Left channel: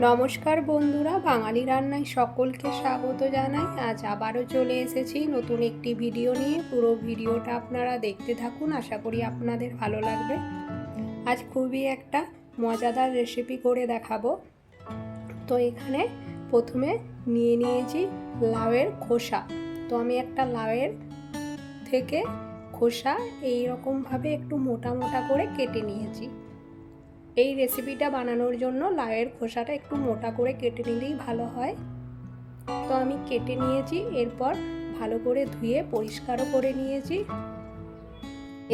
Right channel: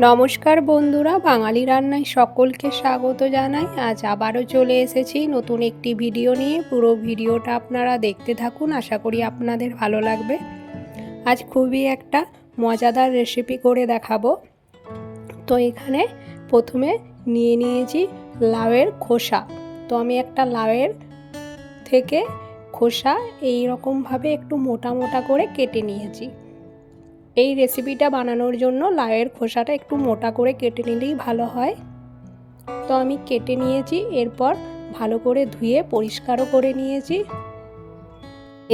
নমস্কার বন্ধুরা, বাঙালি রান্নায় সকলকে স্বাগত জানাই। আজ আবারও চলে এসেছি নতুন একটি ভিডিও নিয়ে। পুরো ভিডিওটা আপনারা দেখতে থাকুন, আশা করি আপনাদের ভালো লাগবে। আজ খুবই একটা মজাদার রেসিপি করে দেখাবো। তো এখানে প্রথমে নিয়েছি লাউয়ের খোসা। তো আমি একটা লাউয়ের থেকে খোসা এই রকমভাবে একটু মোটা মোটা করে কেটে নিয়েছি। এই রেসিপিটা বানানোর জন্য লাউয়ের খোসাটা একটু মোটা করে কেটে নিলেই ভালো হয়। তো আমি কেটে নিয়েছি, এরপর ভালো করে ধুয়ে পরিষ্কারও করে নিয়েছি।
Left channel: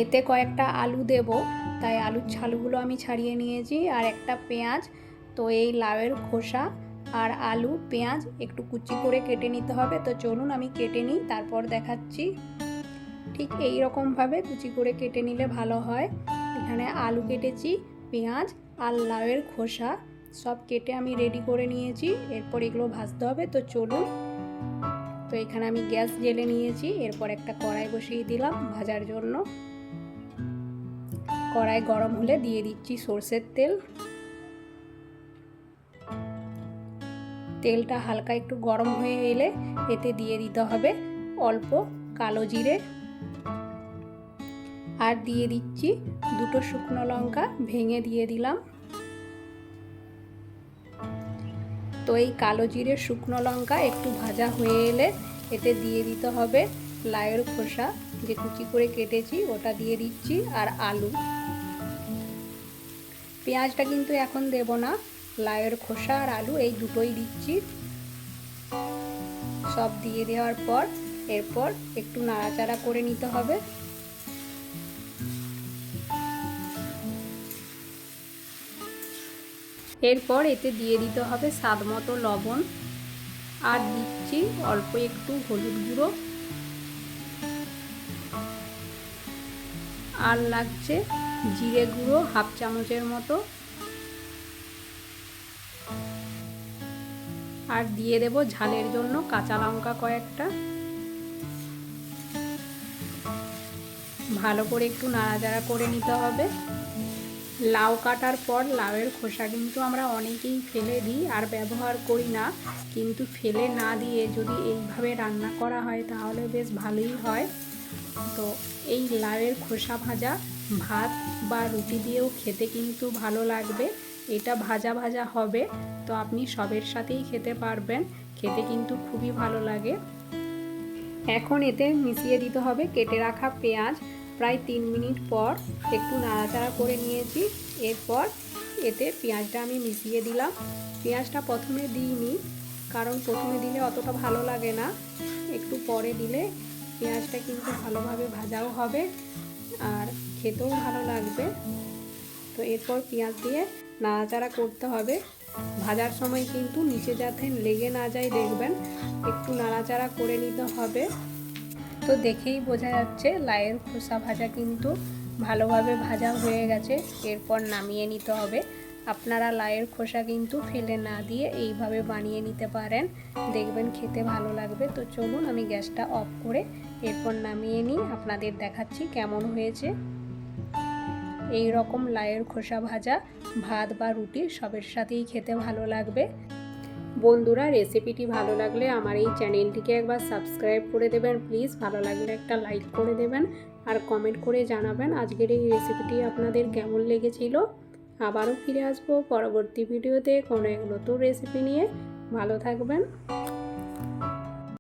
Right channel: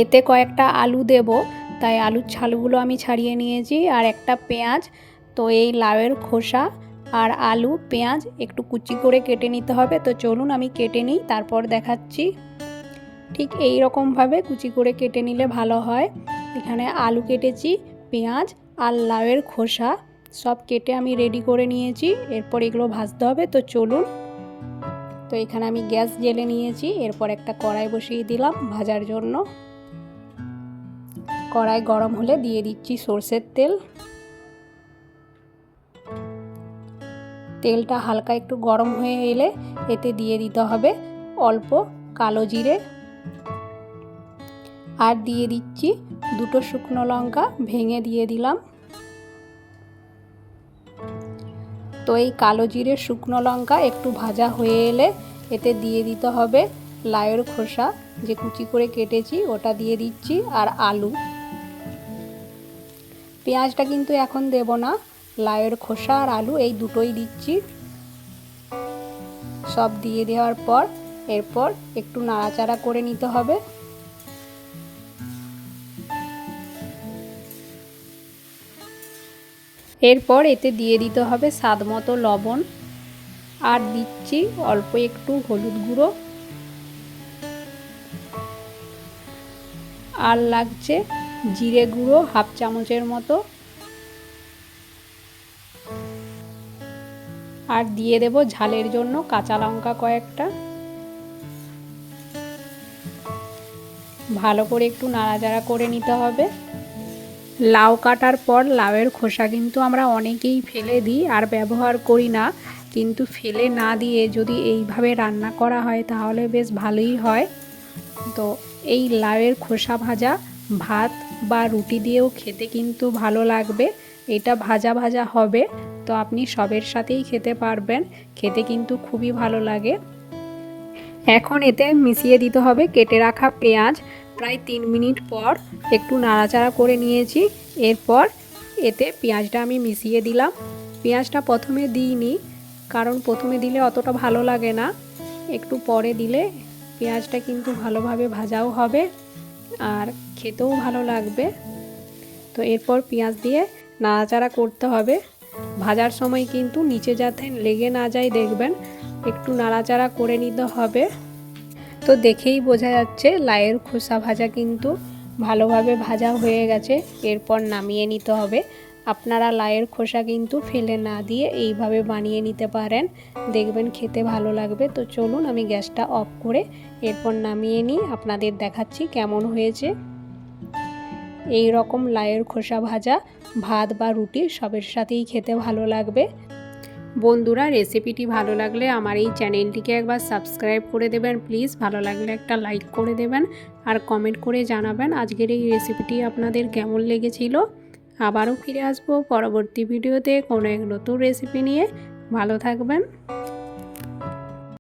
এতে কয়েকটা আলু দেব, তাই আলুর ছালগুলো আমি ছাড়িয়ে নিয়েছি, আর একটা পেঁয়াজ। তো এই লাউয়ের খোসা আর আলু পেঁয়াজ একটু কুচি করে কেটে নিতে হবে। তো চলুন আমি কেটে নিই, তারপর দেখাচ্ছি। ঠিক এই রকমভাবে কুচি করে কেটে নিলে ভালো হয়। এখানে আলু কেটেছি, পেঁয়াজ আর লাউয়ের খোসা সব কেটে আমি রেডি করে নিয়েছি। এরপর এগুলো ভাজতে হবে। তো চলুন। তো এখানে আমি গ্যাস জ্বেলে নিয়েছি, এরপর একটা কড়াই বসিয়ে দিলাম ভাজার জন্য। কড়াই গরম হলে দিয়ে দিচ্ছি সরষের তেল। তেলটা হালকা একটু গরম হয়ে এলে এতে দিয়ে দিতে হবে অল্প কালো জিরে, আর দিয়ে দিচ্ছি দুটো শুকনো লঙ্কা ভেঙে দিয়ে দিলাম। তো এই কালো জিরে শুকনো লঙ্কা একটু ভাজা হয়ে এলে এতে দিয়ে দিতে হবে লাউয়ের খোসা যে কুচি করে কেটেছি, ওটা দিয়ে দিচ্ছি, আর আলু। পেঁয়াজটা কিন্তু এখন দেব না, লাউয়ের খোসা আর আলু এই দুটোই দিচ্ছি। সব দিয়ে দেওয়ার পর এরপর একটু নাড়াচাড়া করে নিতে হবে। এরপর এতে দিয়ে দিতে হবে স্বাদ মতো লবণ, আর দিচ্ছি অল্প একটু হলুদ গুঁড়ো, আর লাগছে জিরে গুঁড়ো হাফ চামচের মতো, আর দিয়ে দেব ঝালের জন্য কাঁচা লঙ্কা কয়েকটা। ভালো করে একটু নাড়াচাড়া করে নিতে হবে। লাউ কাটার পর লাউয়ের খোসা কিন্তু আমরা অনেকেই ফেলে দিই আর ব্যবহার করি না, কিন্তু ফেলে না দিয়ে যদি এইভাবে রান্না করা হয় তাহলে বেশ ভালোই হয়। তো এই লাউয়ের খোসা ভাজা ভাত বা রুটি দিয়েও খেতে কিন্তু ভালো লাগবে। এটা ভাজা ভাজা হবে, তো আপনি সবের সাথেই খেতে পারবেন, খেতে কিন্তু খুবই ভালো লাগে। এখন এতে মিশিয়ে দিতে হবে কেটে রাখা পেঁয়াজ। প্রায় 3 মিনিট পর একটু নাড়াচাড়া করে নিয়েছি, এরপর এতে পেঁয়াজটা আমি মিশিয়ে দিলাম। পেঁয়াজটা প্রথমে দিইনি, কারণ প্রথমে দিলে অতটা ভালো লাগে না, একটু পরে দিলে পেঁয়াজটা কিন্তু ভালোভাবে ভাজাও হবে আর খেতেও ভালো লাগবে। তো এরপর পেঁয়াজ দিয়ে নাড়াচাড়া করতে হবে। ভাজার সময় কিন্তু নিচে যাতে লেগে না যায় দেখবেন, একটু নাড়াচাড়া করে নিতে হবে। তো দেখেই বোঝা যাচ্ছে লাউয়ের খোসা ভাজা কিন্তু ভালোভাবে ভাজা হয়ে গেছে। এরপর নামিয়ে নিতে হবে। আপনারা লাউয়ের খোসা কিন্তু ফেলে না দিয়ে এইভাবে বানিয়ে নিতে পারেন, দেখবেন খেতে ভালো লাগবে। তো চলুন আমি গ্যাসটা অফ করে এরপর নামিয়ে নিই, আপনাদের দেখাচ্ছি কেমন হয়েছে। এই রকম লাউয়ের খোসা ভাজা ভাত বা রুটি সবের সাথেই খেতে ভালো লাগবে। বন্ধুরা, রেসিপিটি ভালো লাগলে আমার এই চ্যানেলটিকে একবার সাবস্ক্রাইব করে দেবেন প্লিজ। ভালো লাগলে একটা লাইক করে দেবেন আর কমেন্ট করে জানাবেন আজকের এই রেসিপিটি আপনাদের কেমন লেগেছিল। আবারও ফিরে আসবো পরবর্তী ভিডিওতে কোনো এক নতুন রেসিপি নিয়ে। ভালো থাকবেন।